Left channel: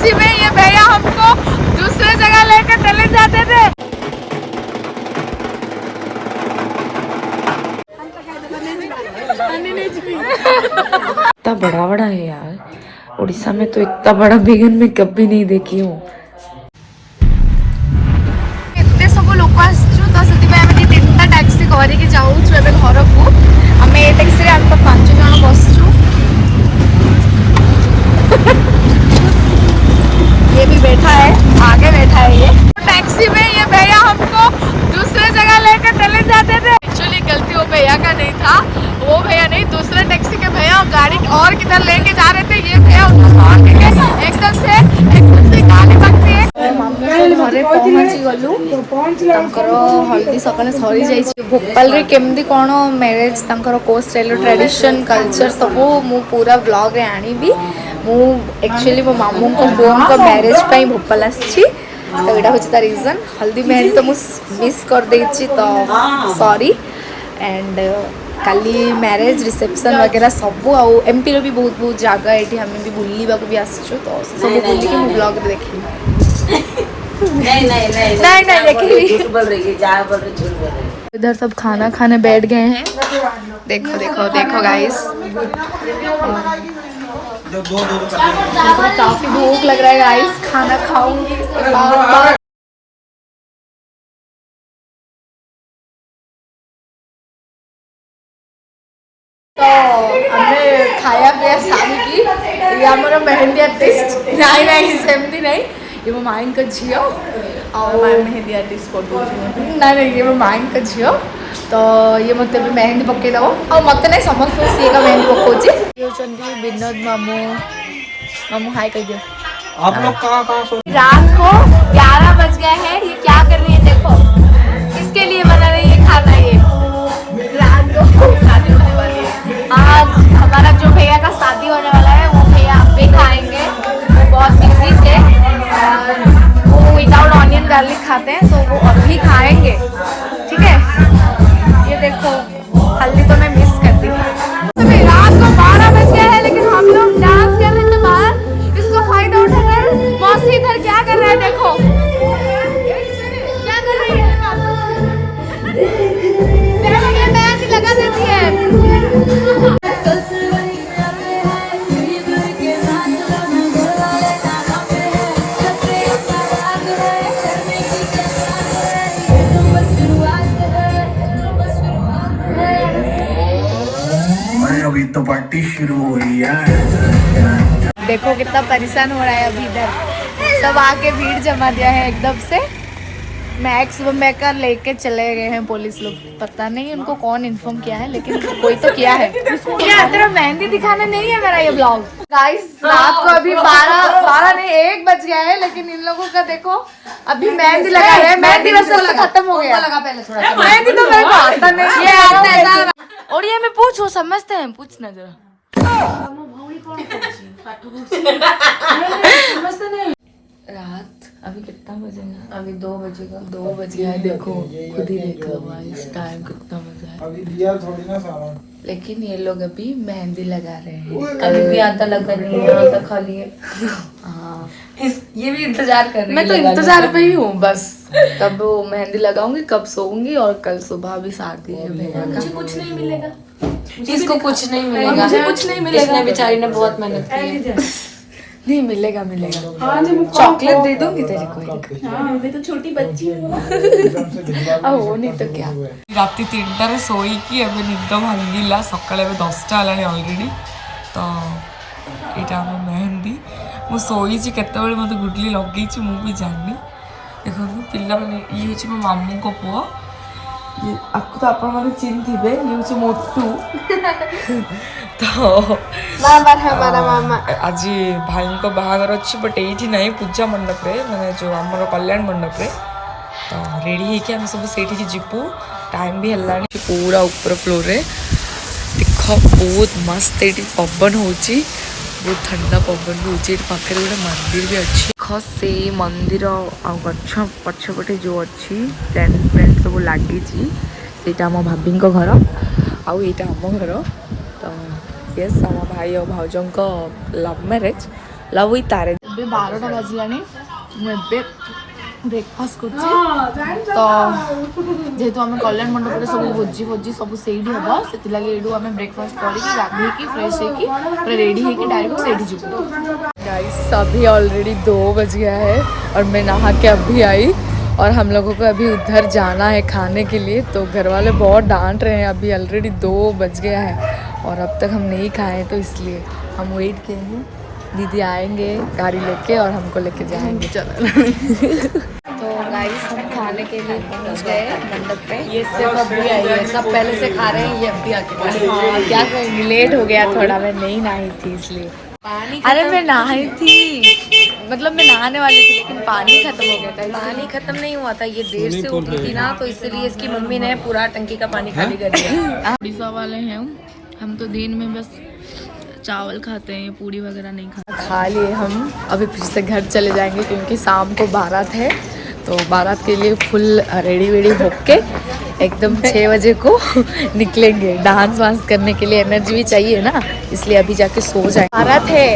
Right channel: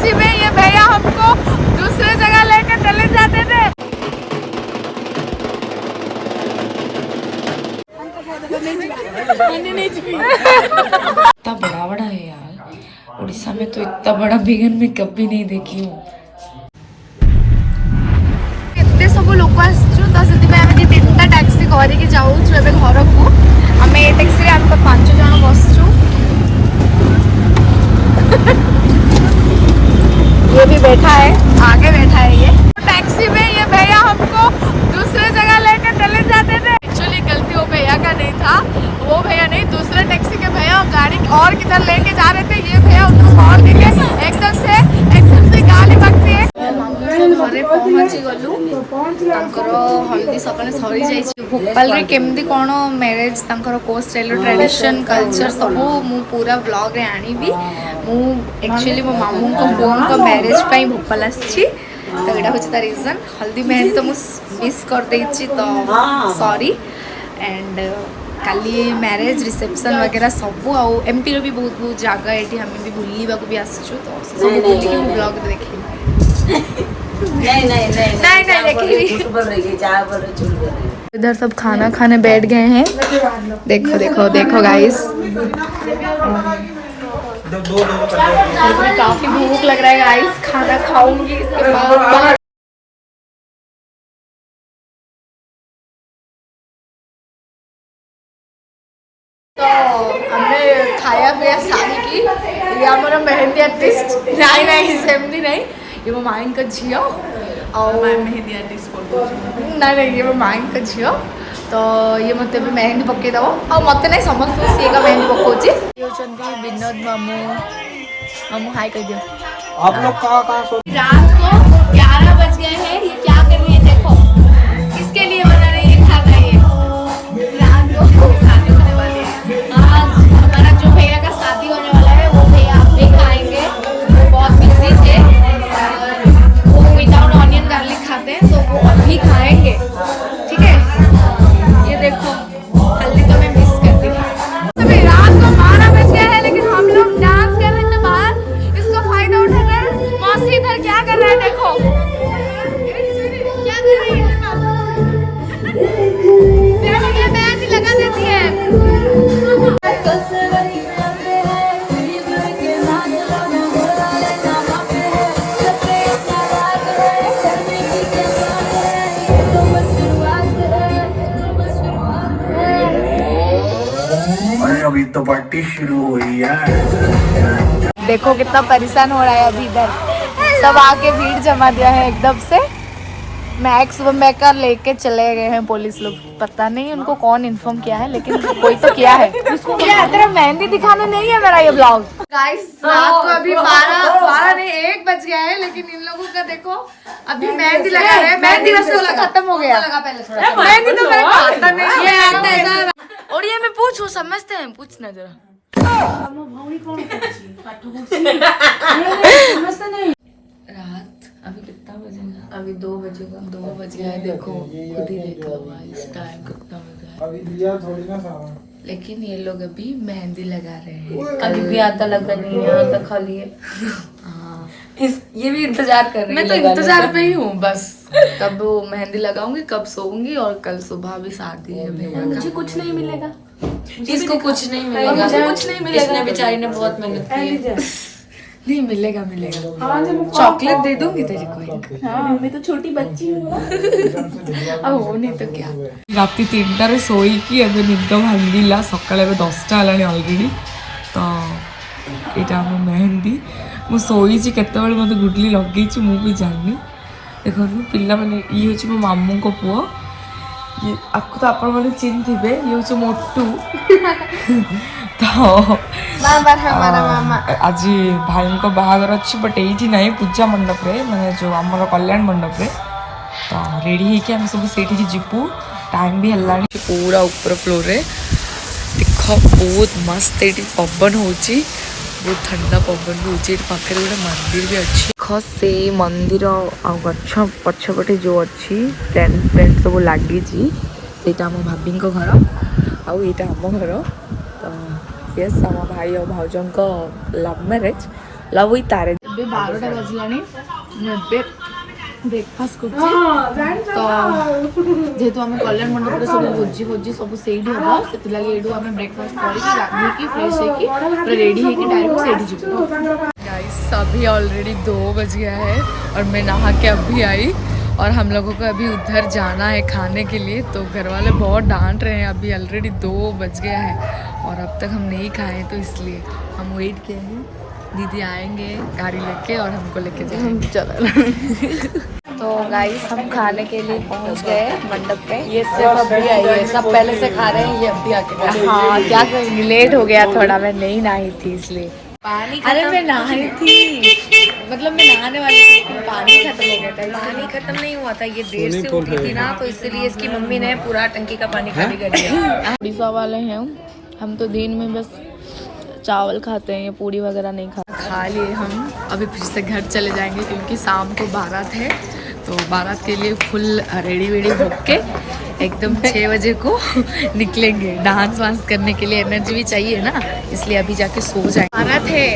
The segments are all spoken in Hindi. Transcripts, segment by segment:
टैक्सी में ये भैया हमको दूसरे जगह लेके चले जाते थे। इतना बड़ा बड़ा है यार, उड़ीसा में तो इतना बड़ा बिगन में कभी नहीं देखी हूँ। एते सब लोक आसछु तो सेति में आमे तीनटा टैक्सी करिके जाउछु एबे घर को। आमे ए टैक्सी रे हम 5 जण बसछु। ये भी बैठा है, आगे बैठा है ये। टैक्सी में ये भैया हमको दूसरे जगह लेके चले जाते थे। एक्चुअली गलती वो भैया का नहीं था, वो भैया नहीं, दूसरे टैक्सी के भैया गाड़ी और किधर लेके जा रहे थे। ये भैया उनको फोन करके एकदम से गाली बकती है। मामू को घरे पहुंची गलु, तांकर हल्दी सकाले सरी जाइछि। भोपाल रे केमदी कोन मैरिज तांकर को स्टाइल ट्रेडिशन कल्चर सब मु पूरा व्लॉग रे आनीबी। मु एक्चुअली मो मामू को फोन को मैरिज पई भोपाल आछि, तो एटा होछि ता रीजन। हल्दी मेहंदी तो मु मिस कर देछि, तो sorry. And Kali marriage reception वगैरह सब आउ एमपी रो भी बहुत बहुत जगह एठी हमें भी बुल्लीबा को भी आसछु, तो सब बुल्ली के मु ब्लॉग देखि। नहीं देखी बोल रही है, जा बोल रही झूठ बोल रही है। इधर सब खाना खाने बैठ गए हैं। देखो देखो देखो गाइस, मेरे को भी काफी भूख लग रहा है गाइस, खाना खाऊंगी इसके बाद। तो हमने खाया पिया शादी की। ये हमारा मेहंदी आर्टिस्ट नहीं सेमती नहीं, ये वो माइन का झियो और मेहंदी आर्टिस्ट फोटो नहीं ये वो माइन का झियो। तो ये मत मेहंदी पकई दब और मत नहीं समस्त सी का मेहंदी पकाउची। ये होचंदी विनोद मामू। मामू हाय कह दियो। आप लोग कहाँ रात को 11 बज गए हैं, ये क्या कर रही है देखो, किसके लिए बना रही है खाना। ये रात को शादी होने वाली है, आज हमारा जो भैया का शादी होने वाला है वो भैया आप भी खाएंगे। वो बहुत बिजी थे और वो विदाउट ऑनियन गार्लिक खाते हैं, तो वो अभी खाएंगे, ठीक है। ये देखो हल्दी तो मैं मिस करती हूँ। अभी रात को 12 बज गया है, लेकिन हम लोग डांस कर रहे थे बाहर। इसको फायदा उठाकर मौसी इधर क्या कर रहा है देखो, क्या कर रही है मेहंदी लगा देती है। अभी तो पार्टी शुरू हुई है। देखो कितना परेशान हो रहा है अभी इधर, सब आके भीड़ जमा दिया है एकदम से। मैक्स मेकर लेके चले गए हैं पुलिस लोग, पता नहीं उनको कौन इन्फॉर्म किया है, लेकिन कोई तो किया है। क्या तेरा मेहंदी दिखाने नहीं है मेरा ये ब्लॉग। गाइस रात को अभी 12 नहीं 1 बज गया है, लेकिन इन लोगों का देखो अभी मेहंदी लगा रहे हैं। मेहंदी रस्म तो खत्म हो गया, लगा पहले थोड़ा सा मेहंदी तो मेरे को आता नहीं है। ओडिया में पूछो, समझते हैं, पूछना जरा। रात अभी कितना बजेगा, अभी 2 बजेगा, 2 बज गया। देखो खुद ही देखो इस टाइम कितना बजा है। लेकिन ये लोग अभी मेहंदी लगा रहे हैं। अभी भी आता लगा नहीं, यहाँ तक खाली है। हाँ ये भी इंतजार कर रहे हैं। मैं तो इंतजार पे ही हूँ बस, कब वो मेहंदी लगाऊंगी, कब सोऊंगी। और कल सुबह भी शादी है भैया का। मुझे कुछ नहीं मिलेगा, इसको कुछ नहीं मिलेगा, मुझे कुछ नहीं मिलेगा। इसने बेचारी ने बहुत मेहनत की है। नहीं मिलेगा चॉकलेट दे दूंगी तेरे को एक। मैं तो छोटी बच्ची हूँ। अब वो नहीं तो क्या। राति 3टारे शोईकी एबे निद भांगिला, सकाळे एबे 10टा हलानी ऑलरेडी। तो एटा हम मेहंदी मु शोईची केतेबेले मते गुडली लगेची मु भी जानि। देखो पिल्ला माने ये होची मो मामू को पुओ, ये आपको तो आपण माने चिन्ह थिबे, ये होची मोटू। तो आज भाई को बाहागर अच्छी, बट ये ना पूजा मंडप रे, माने जो आमर कल्याण मंडप रे। तो रेडी होके हम सब से जीवु, टाइम भी है पूरा ऊपर फ्लोर रे। देख बहुत मस्त ये पवन हो, बहुत ठंडा पवन भी होचे। पाखे गोटे मंदिर भी अच्छी। देख से मंदिर आ गछ पछपटे जो अच्छी टेंट फेंट सब लगी, यहाँ आम भाभी घर आउ यहाँ आम घर। तो यस आम भाई और भाउजों love marriage, love with arrange. ଏବେ 12ଟା ବାଜିଲାଣି। ମୁଁ ଏବେ ବ୍ରେକଫାଷ୍ଟ କରୁଛି। ତ ଯେହେତୁ ଆମେ କଲ୍ୟାଣ ମଣ୍ଡପରେ ସବୁ ଭୋଜି ସବୁ ସେଇଠି ହେବ, ସେଥିଲାଗି ଏଇଠୁ ଆମେ ବ୍ରେକଫାଷ୍ଟ କରିକି ଗାଧେଇକି ଫ୍ରେଶ ହେଇକି ପୁରା ରେडी ହେଇକି डायरेक्ट ସେଇଠି ଯିବୁ। गाइस अभी ऑलरेडी 2 बज गया है और मैं नहा के अभी आई और हम लोगों को अभी उधर जाना है खाने के लिए। तो घर वाले बहुत डांट रहे हैं, अभी ऑलरेडी 2 बज गया है और अब तक हम नहीं खाए हैं, तो इसलिए हम वेट किए हैं। दीदी आएंगे गाड़ी लेके और हमको लेके जाएंगे। चलो तो गाइस हम खाने के लिए पहुंच गए मंडप पे। ये सिर्फ अभी आई है, सब पहले से खा रहे हैं, ये अभी आके हाँ क्या करूँगी, लेट हो गया थोड़ा, मैं नहीं नहाई थी इसलिए। अरे मैं नहाई थी, मतलब मैं नहाने वाली थी लेकिन पानी खत्म हो गया था। पानी खत्म नहीं हुआ था, ये देर से उठी थी ना, तो इसलिए इसकी मम्मी ने पूरा टंकी का पानी खाली कर दिया। उड़ीसा वाले हैं हम, तो दिन में बस चावल खाते हैं, ये पूड़ी वगैरह नहीं खाते। खा लिए हम, अभी फिर से घर चले जाएंगे क्योंकि शाम को बारात है। तो बारात के लिए फुल रेडी वेडी होके एकदम 6 बजे को निकलेंगे। डांस वांस करने के लिए एनर्जी भी चाहिए ना, इसलिए अभी जाके सो जाए। बारात है,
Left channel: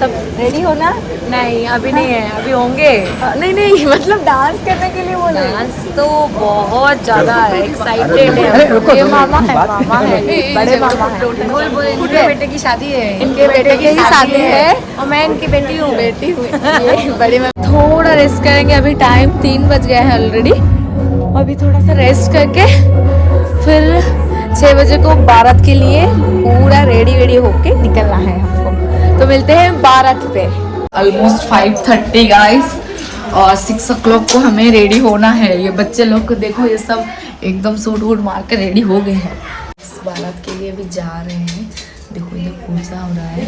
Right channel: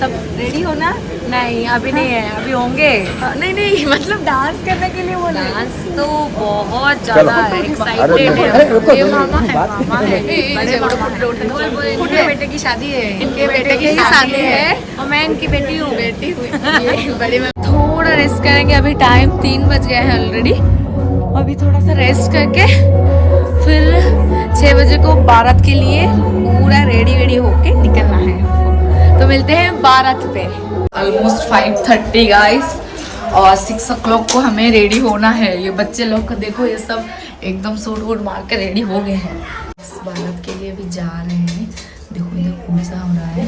सब रेडी हो ना? नहीं अभी नहीं है, अभी होंगे। नहीं मतलब डांस करने के लिए बोले। डांस तो बहुत ज्यादा एक्साइटेड है। ये मामा है बड़े मामा है। इनके बेटे की शादी है, इनके बेटे की शादी है और मैं इनकी बेटी हूँ। बड़ी थोड़ा रेस्ट करेंगे, अभी टाइम 3 बज गया है ऑलरेडी। अभी थोड़ा सा रेस्ट करके फिर 6 बजे को बारात के लिए पूरा रेडी होके निकलना है हमको। तो मिलते हैं बारात पे। ऑलमोस्ट 5:30 गाइस और 6 o'clock को हमें रेडी होना है। ये बच्चे लोग को देखो, ये सब एकदम सूट वूट मार के रेडी हो गए हैं। इस बारात के लिए भी जा रहे हैं। देखो इधर पूजा हो रहा है।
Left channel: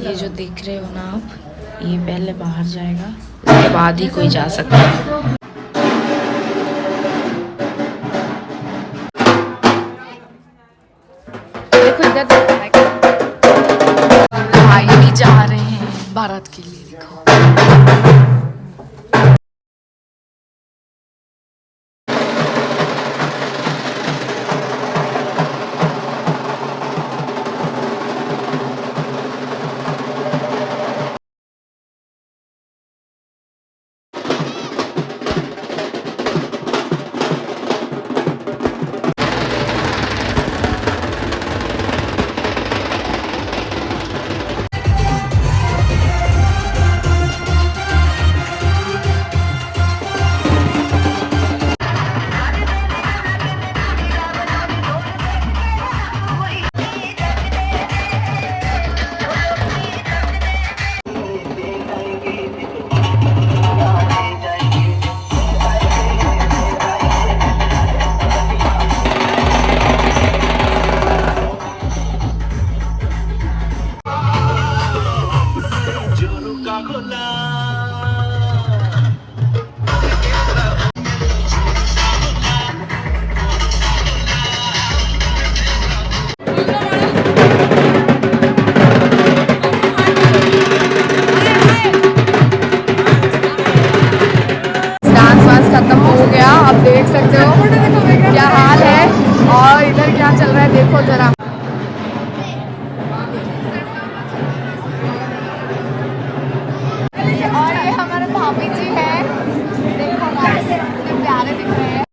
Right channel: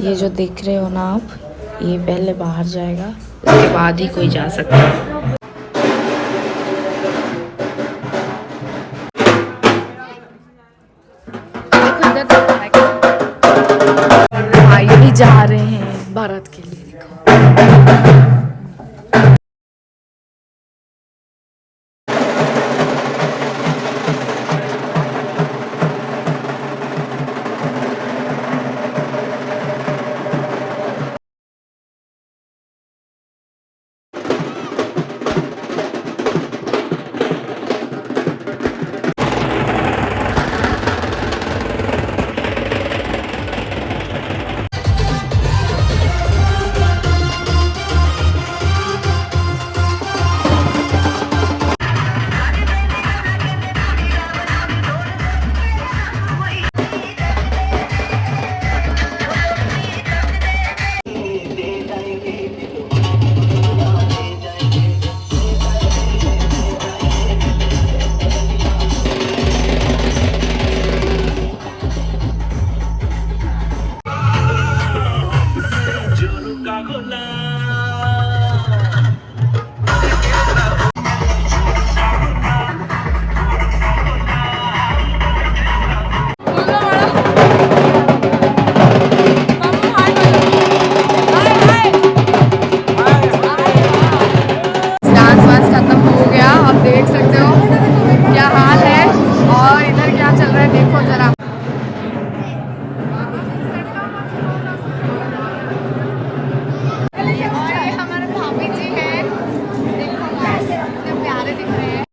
ये जो देख रहे हो ना आप, ये पहले बाहर जाएगा, उसके बाद ही कोई जा सकता है। देखो इधर भाई भी जा रहे हैं बारात के लिए, देखो। खत्म हो गया, आप देख सकते हो क्या हाल है। और इधर क्या चल रहा है देखो जरा। और ये हमारे भाभी जी हैं, देखो गाइस कितने प्यारे दिख रहे हैं।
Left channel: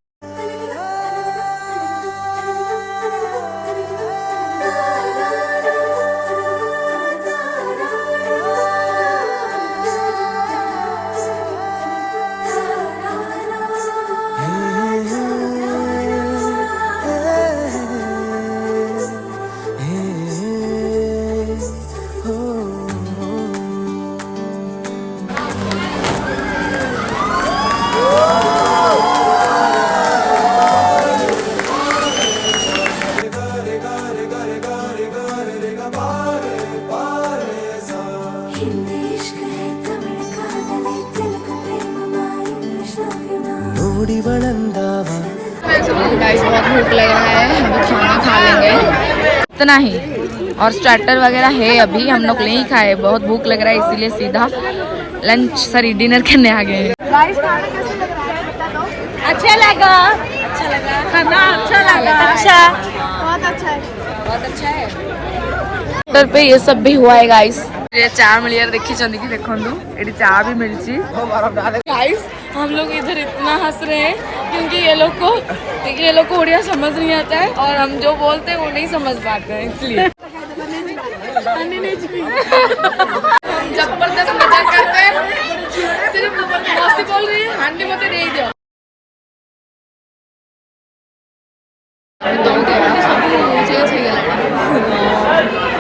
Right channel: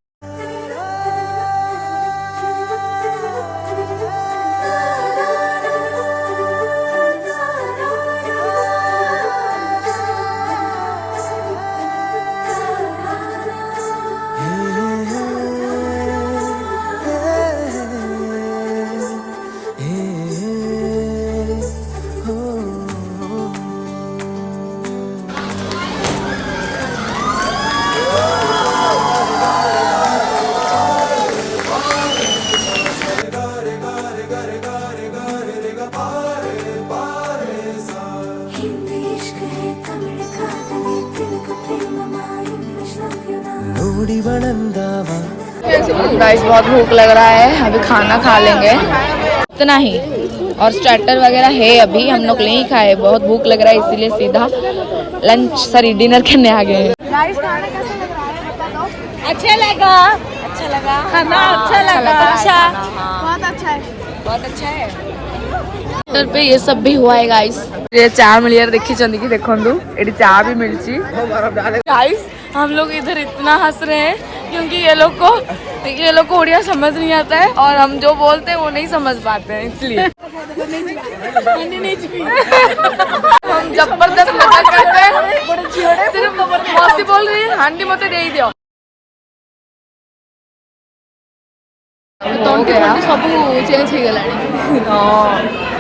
गाइस बहुत भूख लग रहा है, अभी खाना खा लेंगे इतना ही। और स्टार्टर वगैरह है, अभी हम लोग नहीं खाए, बहुत भूख लग रहा है इसीलिए सीधा डिनर करने आ गए हैं। गाइस खाना कैसा लग रहा है बता दो। अच्छा लगा खाना, अच्छा लगा। अच्छा बहुत अच्छा है, बहुत अच्छा है। होटल पे ये सब भी हुआ है गाइस। ये चाय मिलियर देखी कि देखंदु एडी चाय भी मिलची गाइस। हम लोग इधर इतना हंस रहे हैं क्योंकि ये लोग को उड़िया समझ नहीं आता है और हम जो बोलते हैं वो नहीं समझ पाते हैं, इसलिए हम जबरदस्त मजाक करते हैं। सिर्फ मस्ती बोल रही है, हांडी मत दे दियो। तंटी फंटी सब चेंज हो गलानी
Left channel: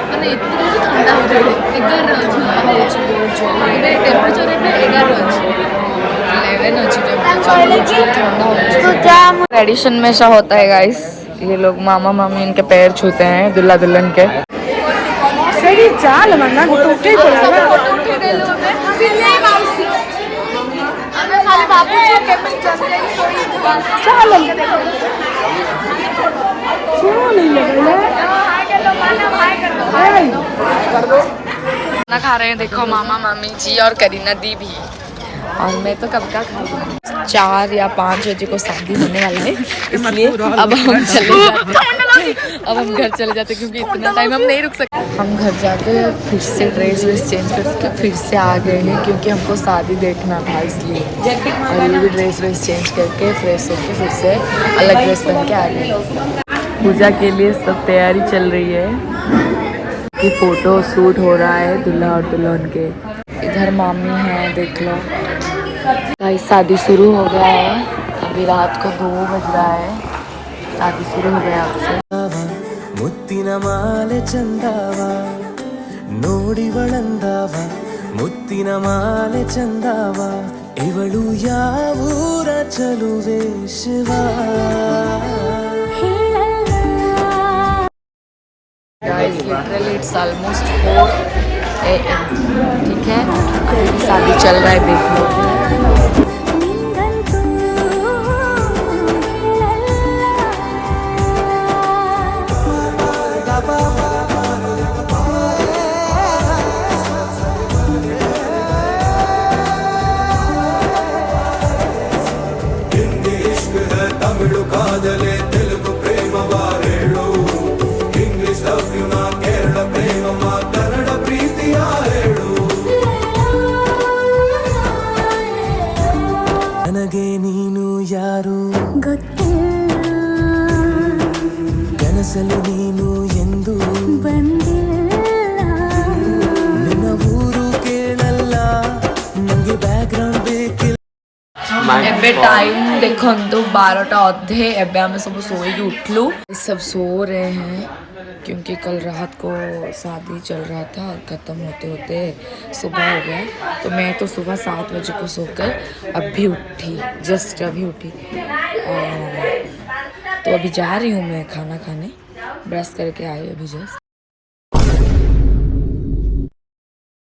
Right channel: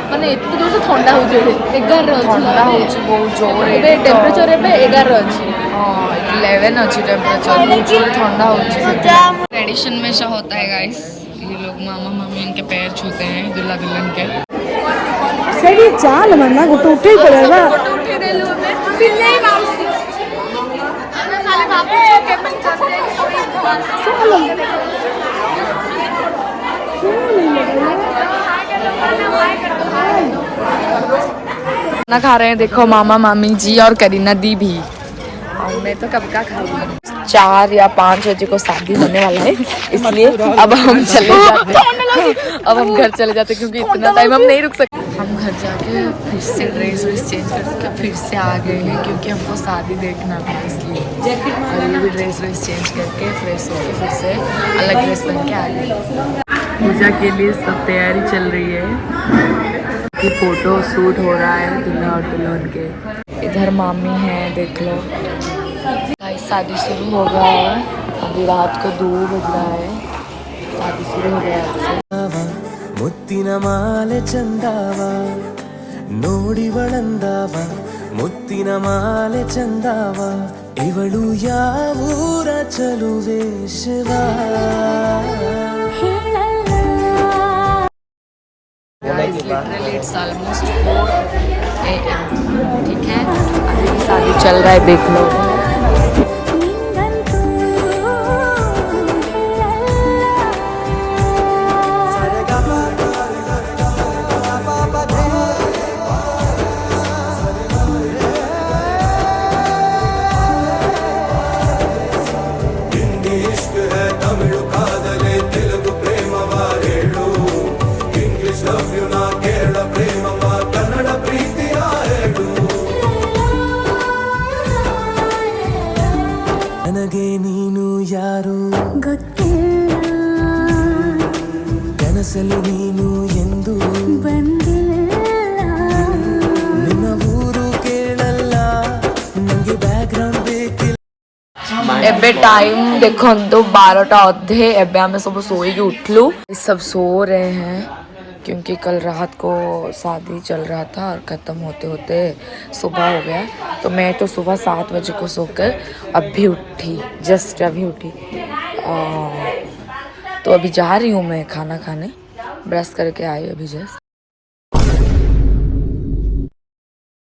माने एते जोर से ठंडा हो जेडे 11 ठंडा होची बहुत जोर एबे टेम्परेचर एबे 11 अछि 11 अच्छी टेम्परेचर बहुत जोर ठंडा हो। ट्रेडिशन में ऐसा होता है गाइस, ये लोग मामा मामी इनके पैर छूते हैं दुल्हा दुल्हन के। सब फोटो उठे देलु हमें खाली बापूजी केमन चल जाई सोई बस चल खाना खा रहे हैं देखो मामा मामी जी और करीना दी भी, और मैं तो कब का खा रही हूँ। 4 या 5 बजे को शादी होने वाला है, इसलिए अब हम चले जाते अब हम घर चले जाते क्योंकि इतना टाइम हम नहीं रुक सकते। हम घर जाके फिर से ड्रेस चेंज करके फिर से आ गए हैं क्योंकि हमको शादी देखना था, इसलिए और ये भी ड्रेस चेंज करके फ्रेश होके फिर से अलग ड्रेस पहन के आ गए। पूजा के लिए सब तैयारी चल रही है कि फोटो शूट हो रहा है दूल्हा और दुल्हन के। इधर मामी है देख लो। गाइस शादी शुरू हो गया है, अभी रात को 2 बज रहा है, शादी शुरू हो गया। ಮುತ್ತಿನ ಮಾಲೆ ಚಂದಾವ ನೋಡಿವಳಂದಾವ ಮುತ್ತಿನ ಮಾಲೆ ಚಂದಾವ ಇವಳು ಯಾವೂರ ಚಲುವೆ Shiva guys literally it's almost 4 AM, ठीक है। अभी भी शादी चल रहा है देख लो। ನನಗೆ ನೀನು ಯಾರು ಗೊತ್ತಿಲ್ಲ, ಕನಸಲು ನೀನು ಎಂದು ಬಂದಿಲ್ಲ, ನಿನ್ನ ಊರು ಕೇಳಲ್ಲ ನಂಗೆ ಬ್ಯಾಕ್ಗ್ರೌಂಡ್ ಬೇಕಿಲ್ಲ। एबे टाइम देखो तो 12टा अधे एबे हमें सब सोई उठलू, सब सो रहे हैं क्योंकि कल रात को शादी चल रहा था और ख़त्म होते होते सुबह हो गया। तो मैं तो सुबह 7 बजे को सोकर अभी उठी, जस्ट अभी उठी। तो अभी जा रही हूँ मैं खाना खाने, ब्रश करके आई अभी जस्ट।